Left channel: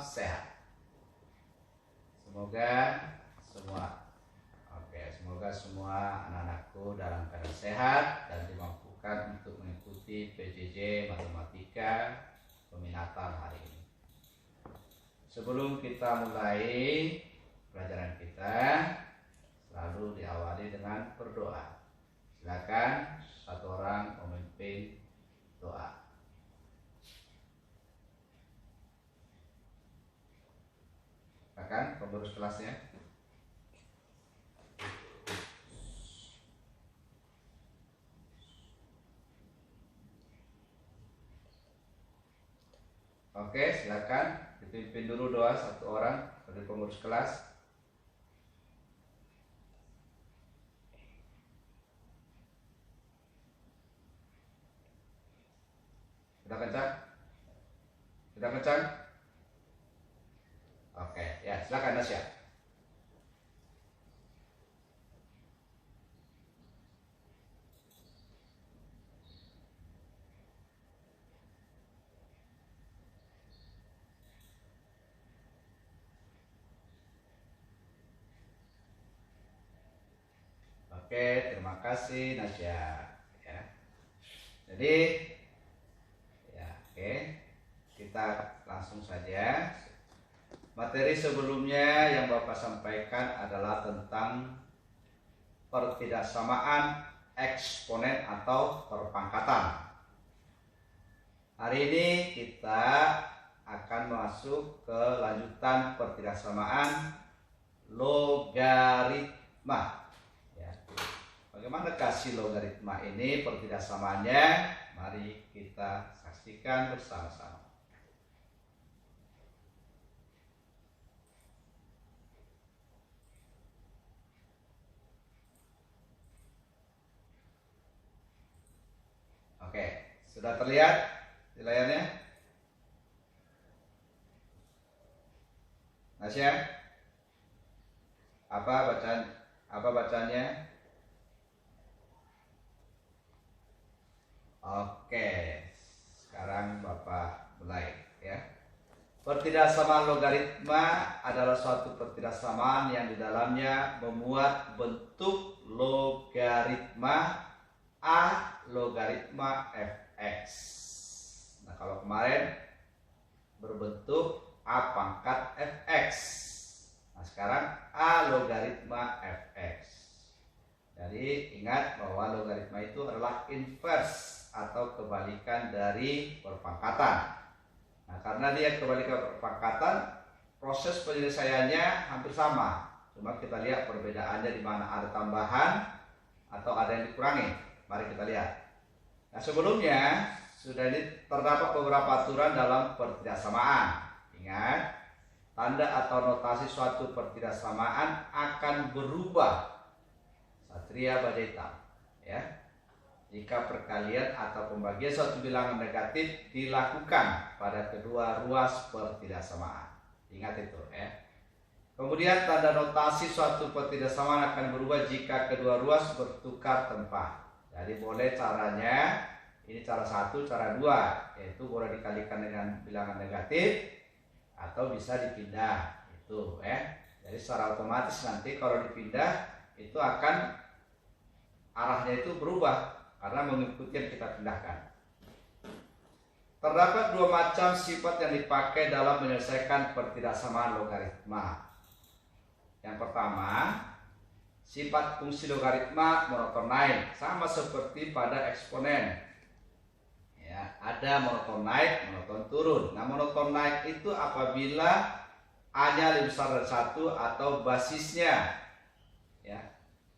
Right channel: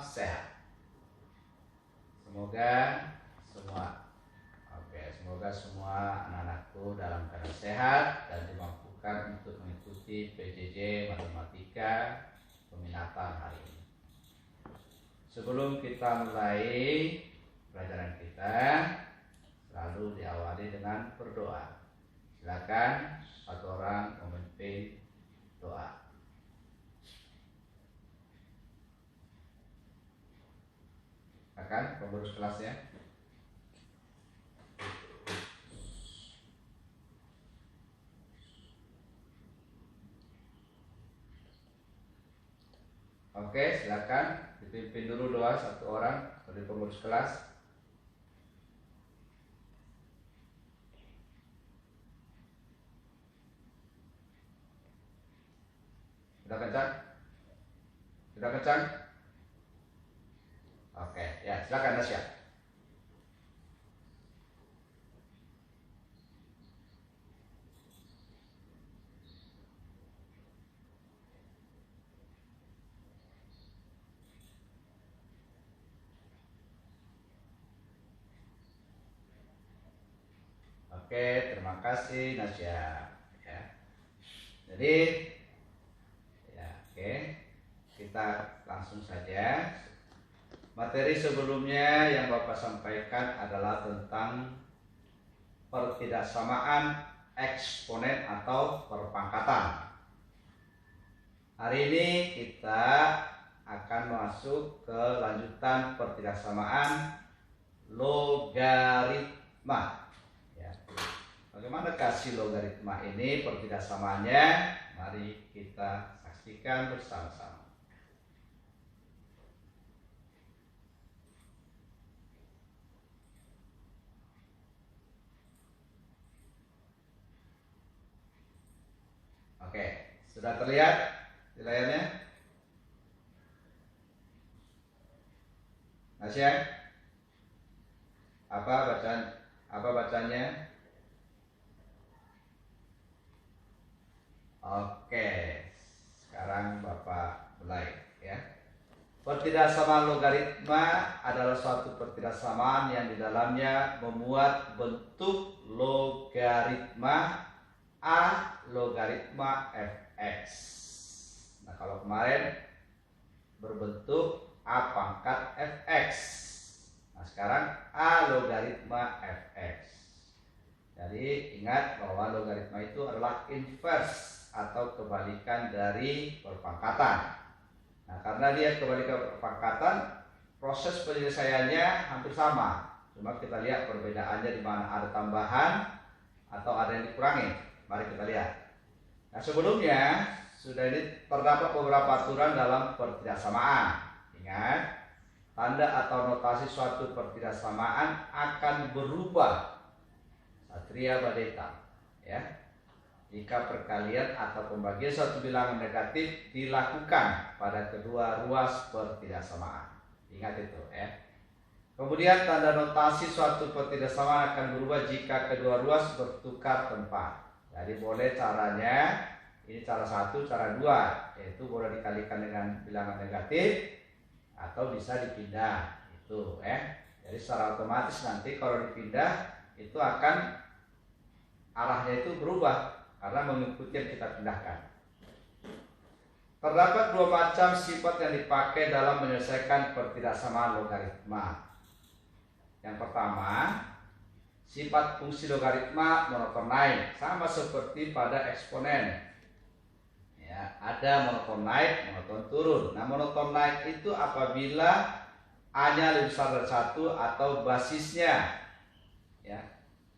sehat. Semoga semua anak-anakku dalam keadaan sehat dan dimampukan untuk mengikuti PJJ Matematika peminatan hari ini. Sebelum kita mulai pelajaran kita, selalu diawali dengan berdoa. Silakan satu orang memimpin doa. Silakan pengurus kelasnya. Oke, silakan dipimpin dulu doa satu orang dari pengurus kelas. Sudah kencang? Sudah kencang? Oke, ya silakan Nasya. Oke, terima kasih Nasya. Ya. Jadi, ya, oke, kita langsung saja. Materi sebelumnya yang Bapak sampaikan adalah tentang pertidaksamaan eksponen atau perpangkatan. Hari ini kita akan masuk ke lanjutan pertidaksamaan logaritma. Bagaimana kasih logaritma ini pertidaksamaannya? Mari kita saksikan bersama-sama. Oke, sudah terlihat di layarnya? Nasya? Apa bacanya? Oke, sekarang Bapak mulai ya. Pertidaksamaan logaritma adalah suatu pertidaksamaan yang di dalamnya memuat bentuk logaritma A logaritma fx. Nah, kalau kemarin berbentuk A pangkat fx. Nah, sekarang A logaritma fx. Jadi ingat bahwa logaritma itu adalah inverse atau kebalikan dari perpangkatan. Nah, karena dia kebalikan perpangkatan, proses penyelesaiannya hampir sama. Cuma kita lihat perbedaannya di mana ada tambahan atau ada yang dikurangi. Mari kita lihat. Nah, sebelumnya sudah terdapat beberapa aturan dalam pertidaksamaan. Ingat, tanda atau notasi suatu pertidaksamaan akan berubah. Satria baja hitam, ya. Jika perkalian atau pembagian suatu bilangan negatif dilakukan pada kedua ruas pertidaksamaan. Ingat itu, ya. Kemudian tanda notasi suatu pertidaksamaan akan berubah jika kedua ruas bertukar tempat. Jadi boleh caranya, ini cara satu, cara dua, yaitu boleh dikalikan dengan bilangan negatif atau bisa dipindah. Itu, ya. Jadi secara otomatis nanti kalau dipindah itu akan arahnya itu berubah karena mengikuti yang kita pindahkan. Terdapat dua macam sifat yang dipakai dalam menyelesaikan pertidaksamaan logaritma. Yang pertama, sifat fungsi logaritma monoton naik, sama seperti pada eksponen. Ya, ada monoton naik, monoton turun. Nah, monoton naik itu apabila A-nya lebih besar dari 1 atau basisnya, ya,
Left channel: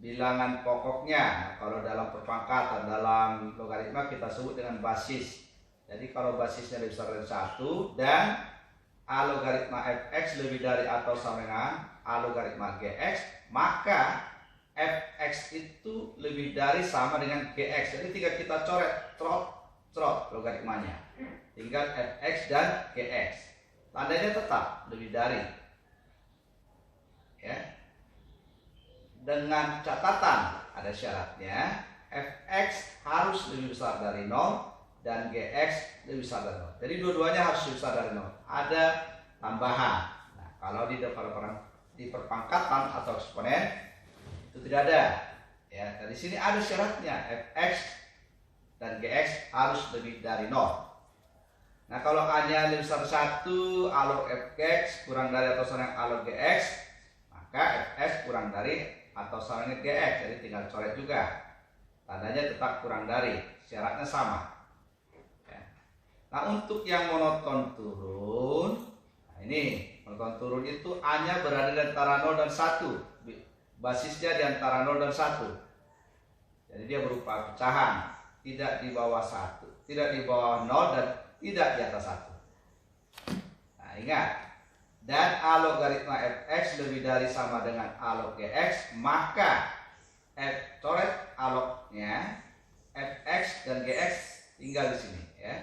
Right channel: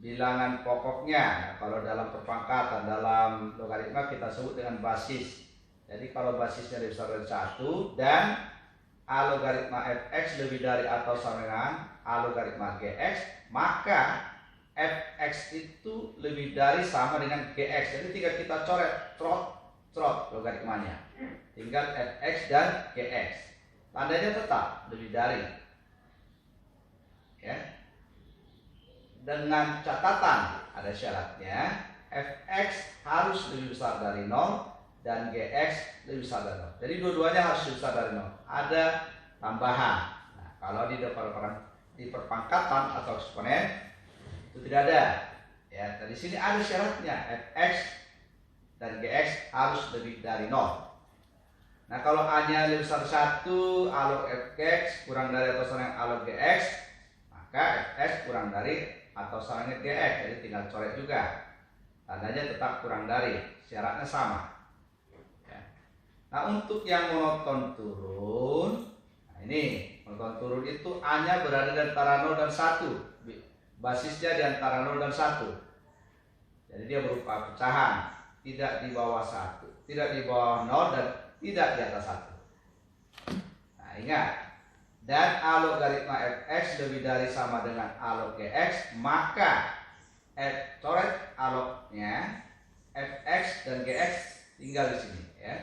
bilangan pokoknya. Nah, kalau dalam perpangkatan, dalam logaritma kita sebut dengan basis. Jadi kalau basisnya lebih besar dari 1 dan A logaritma fx lebih dari atau sama dengan A logaritma gx, maka fx itu lebih dari sama dengan gx. Jadi tinggal kita coret logaritmanya. Tinggal fx dan gx. Tandanya tetap lebih dari. Ya. Dengan catatan, ada syaratnya, fx harus lebih besar dari 0 dan gx lebih besar dari 0. Jadi dua-duanya harus lebih besar dari 0. Ada tambahan. Nah, kalau di perpangkatan atau eksponen itu tidak ada. Ya, di sini ada syaratnya, fx dan gx harus lebih dari 0. Nah, kalau A-nya lebih besar 1, A log fx kurang dari atau sama dengan A log gx, maka fx kurang dari atau sama dengan gx. Jadi tinggal coret juga. Tandanya tetap kurang dari, syaratnya sama. Ya. Nah, untuk yang monoton turun, nah ini monoton turun itu A-nya berada di antara 0 dan 1. Basisnya di antara 0 dan 1. Jadi dia berupa pecahan, tidak di bawah 1, tidak di bawah 0 dan tidak di atas 1. Nah, ingat, dan A logaritma fx lebih dari sama dengan A log gx, maka coret A lognya fx dan gx tinggal di sini ya.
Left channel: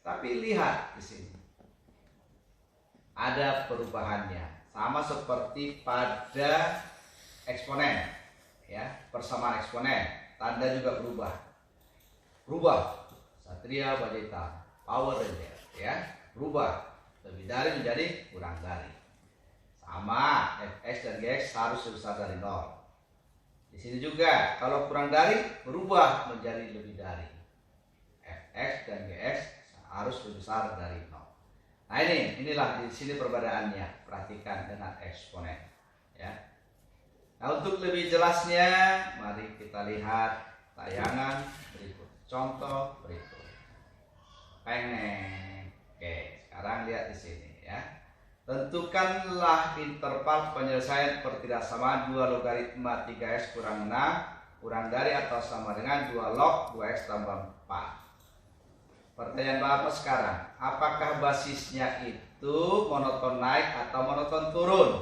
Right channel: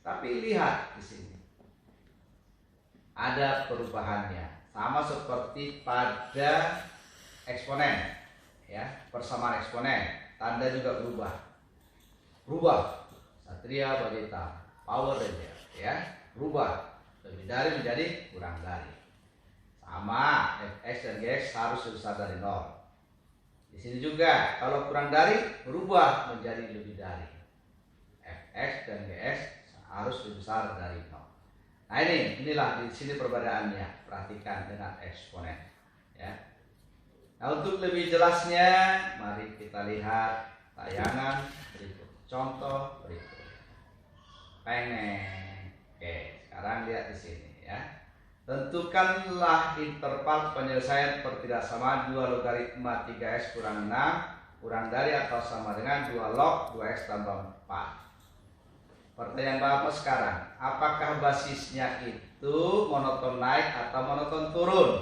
Tapi lihat di sini ada perubahannya, sama seperti pada eksponen ya, persamaan eksponen, tanda juga berubah. Satria baja hitam, Power Ranger ya, berubah lebih dari menjadi kurang dari. Sama, fx dan gx harus lebih besar dari 0. Di sini juga kalau kurang dari berubah menjadi lebih dari. Fx dan gx harus lebih besar dari 0. Nah, inilah di sini perbedaannya. Perhatikan dengan eksponen ya. Nah, untuk lebih jelasnya mari kita lihat tayangan berikut. Contoh berikut. Oke, sekarang lihat di sini ya. Tentukanlah interval penyelesaian pertidaksamaan 2 logaritma 3x kurang 6 kurang dari atau sama dengan 2 log 2x tambah 4. Pertanyaan Bapak sekarang, apakah basisnya itu monoton naik atau monoton turun?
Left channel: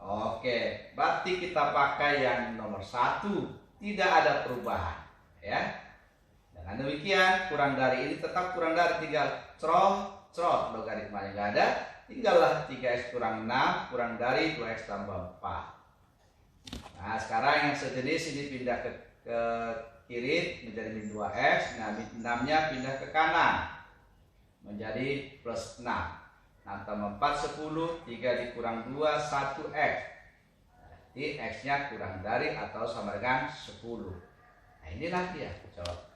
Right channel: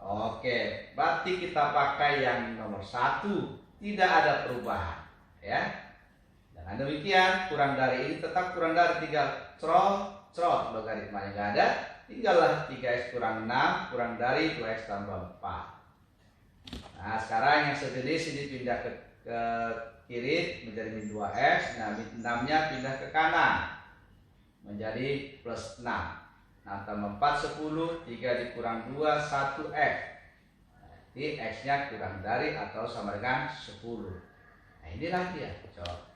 Oke, berarti kita pakai yang nomor 1, tidak ada perubahan ya. Dengan demikian kurang dari ini tetap kurang dari, tinggal crot logaritmanya nggak ada, tinggallah 3x kurang 6 kurang dari 2x tambah 4. Nah, sekarang yang sejenis ini pindah ke kiri menjadi min 2x. Nah, min 6 nya pindah ke kanan menjadi plus 6. 6 tambah 4 10, 3 dikurang 2 1x. Jadi x nya kurang dari atau sama dengan 10. Nah, inilah dia jawab.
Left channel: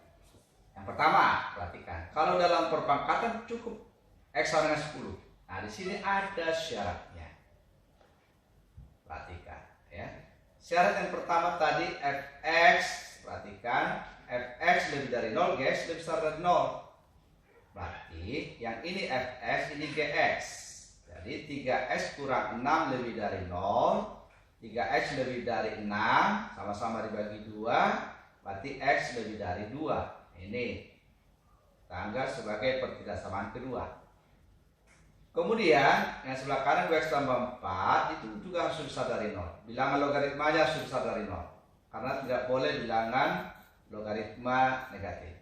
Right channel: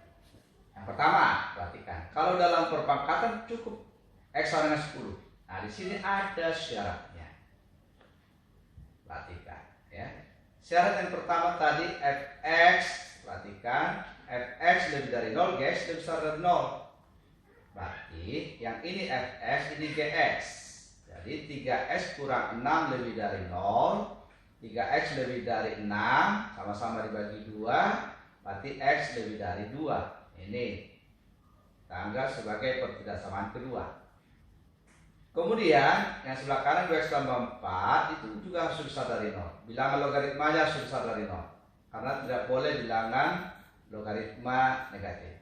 Yang pertama, perhatikan. Kalau dalam perpangkatan cukup x sama dengan 10. Nah, di sini ada syaratnya. Perhatikan ya. Syarat yang pertama tadi fx, perhatikan, fx lebih dari 0, gx lebih besar dari 0. Berarti yang ini fx, ini gx. Jadi 3x kurang 6 lebih dari 0, 3x lebih dari 6, sama-sama dibagi 2, berarti x lebih dari 2. Ini kita anggap sebagai pertidaksamaan kedua. Kemudian yang sebelah kanan 2x tambah 4 itu juga harus besar dari 0. Bilangan logaritmanya harus besar dari 0, karena tidak boleh bilangan logaritma negatif.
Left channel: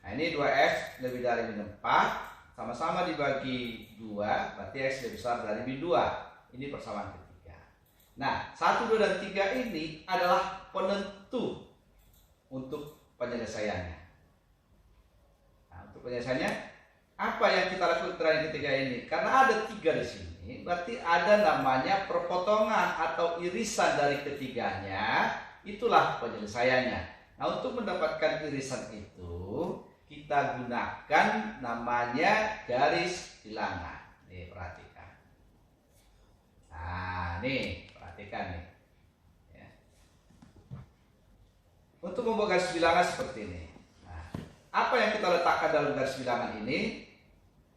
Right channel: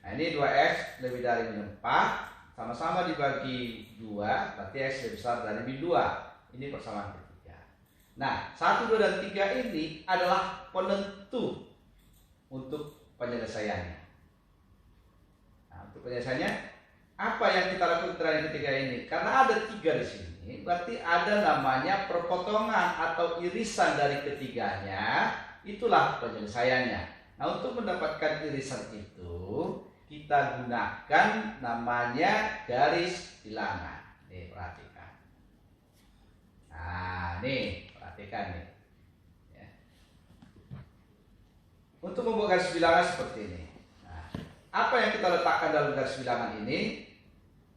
Nah, ini 2x lebih dari min 4, sama-sama dibagi 2, berarti x lebih besar dari min 2. Ini persamaan ketiga. Nah, 1, 2, dan 3 ini adalah penentu untuk penyelesaiannya. Nah, untuk penyelesaiannya apa yang kita lakukan terakhir ketiga ini? Karena ada 3 di sini, berarti ada namanya perpotongan atau irisan dari ketiganya. Itulah penyelesaiannya. Nah, untuk mendapatkan irisan itu kita gunakan namanya garis bilangan. Nih, perhatikan. Nah, nih, perhatikan nih. Ya. Untuk membuat garis bilangan seperti ini. Nah, apa yang kita letakkan dalam garis bilangan ini?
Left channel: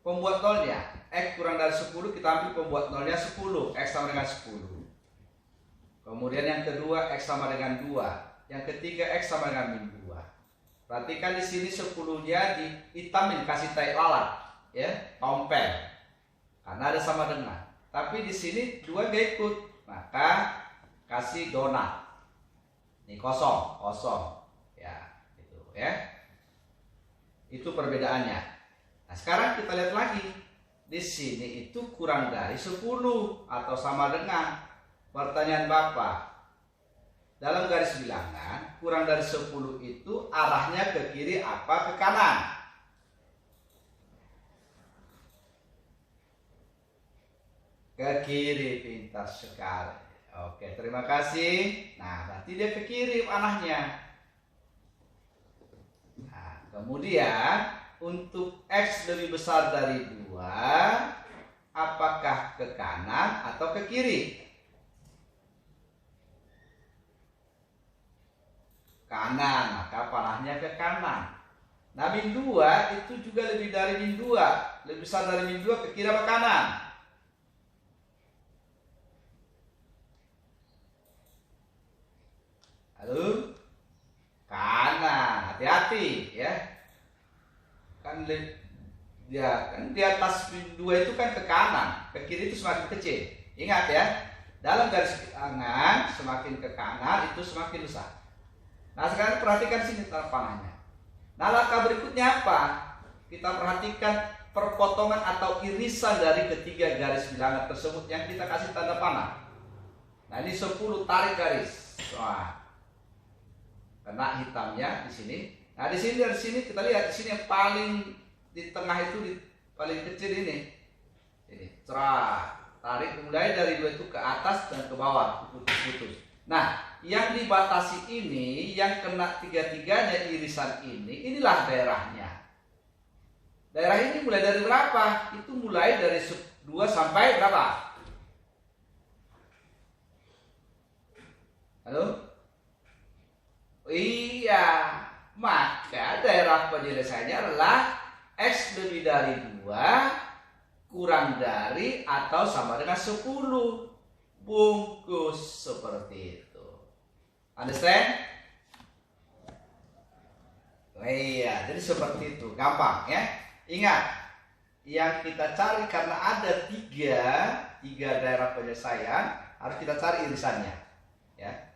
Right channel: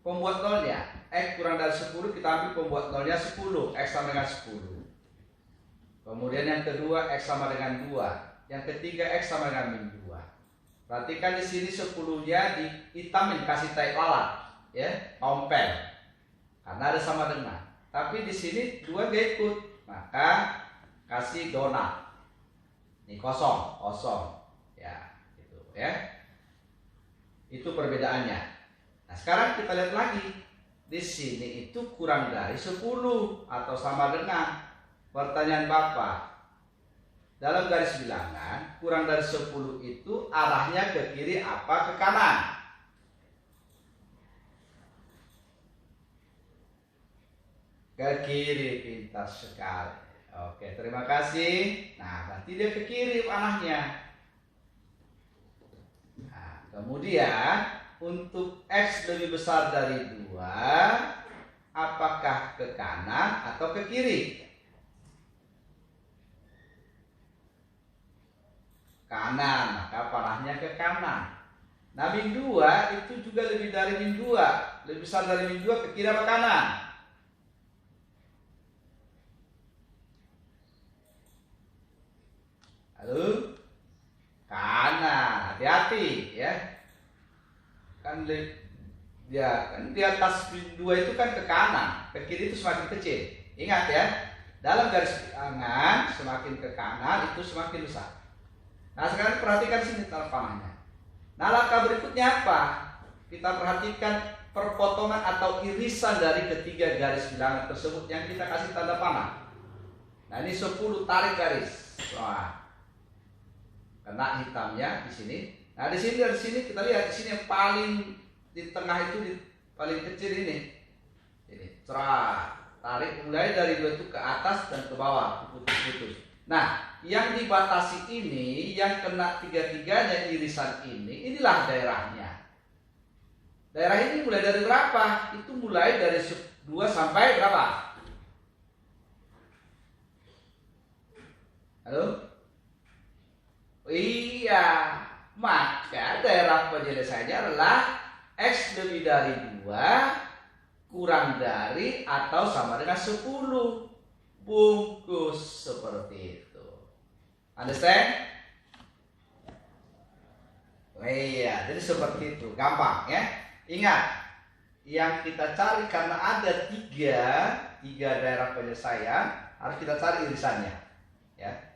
Pembuat nolnya, x kurang dari 10, kita ambil pembuat nolnya 10, x sama dengan 10. Kemudian yang kedua, x sama dengan 2. Yang ketiga, x sama dengan min 2. Perhatikan di sini 10-nya dihitamin, kasih tai lalat, ya, tompel. Karena ada sama dengan. Tapi di sini 2 gak ikut, maka kasih donat. Ini kosong, ya, gitu, ya. Itu perbedaannya. Nah, sekarang kita lihat lagi. Di sini itu kurang dari 10 atau sama dengan. Pertanyaan Bapak, dalam garis bilangan kurang dari 10 itu arahnya ke kiri apa ke kanan? Ke kiri, pintar sekali. Oke, terima kasih. Nah, berarti dia ke kiri panahnya. Nah, kemudian untuk X lebih besar dari 2, apakah ke kanan atau ke kiri? Kanan, maka panahnya ke kanan. Nah, min 2 itu juga lebih dari min 2. Lebih besar dari min 2, ke kiri apa kanan? Halo? Kanan, hati-hati ya. Kan dia kan di atas min 2 itu kan ke kanan, ke kiri itu semakin kecil. Ingat ya, dalam garis bilangan semakin ke kanan itu semakin besar. Nah, sekarang perhatikan sini tanda panahnya. Nah, langkah berikutnya apa? Kita perhatikan perpotongan atau irisan dari ketiga garis bilangan tersebut yang kita kasih tanda panah. Nah, ini 10 tarik garis. Wah, kena hitamnya di sini. Nah, di sini dari sini kita lihat di sini yang paling di tengah itu paling kecil ini. Ini cerah. Tarik mulai dari 2 itu ke atas dan ke bawah, putus-putus. Nah, yang dibatasi ini, yang kena tiga-tiganya irisan ini, inilah daerahnya. Daerah ini mulai dari berapa? Itu mulai dari 2 sampai berapa? Halo? Iya, maka daerah penyelesaiannya adalah X lebih dari 2 kurang dari atau sama dengan 10. Bungkus seperti itu. Understand? Oh iya, jadi seperti itu, gampang ya. Ingat, yang kita cari karena ada tiga daerah penyelesaian, harus kita cari irisannya, ya.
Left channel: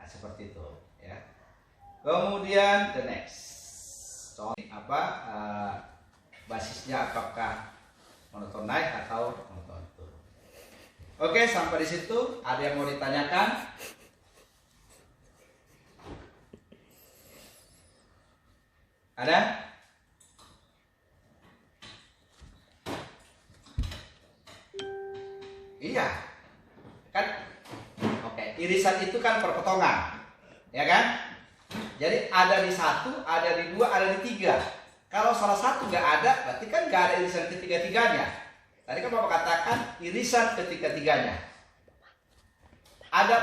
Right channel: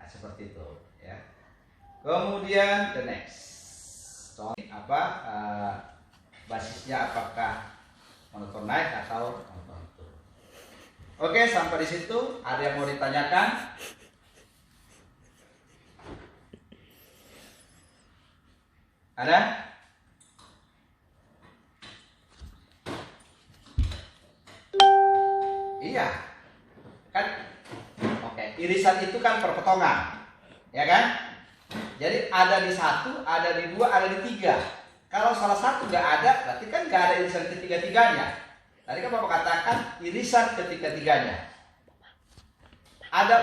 Nah, seperti itu, ya. Kemudian the next, basisnya apakah monoton naik atau monoton turun. Oke, sampai di situ. Ada yang mau ditanyakan? Ada? Iya. Kan? Oke, irisan itu kan perpotongan. Ya kan? Jadi ada di 1, ada di 2, ada di 3. Kalau salah satu nggak ada, berarti kan nggak ada irisan ketiga-tiganya. Tadi kan Bapak katakan irisan ketiga-tiganya. Ada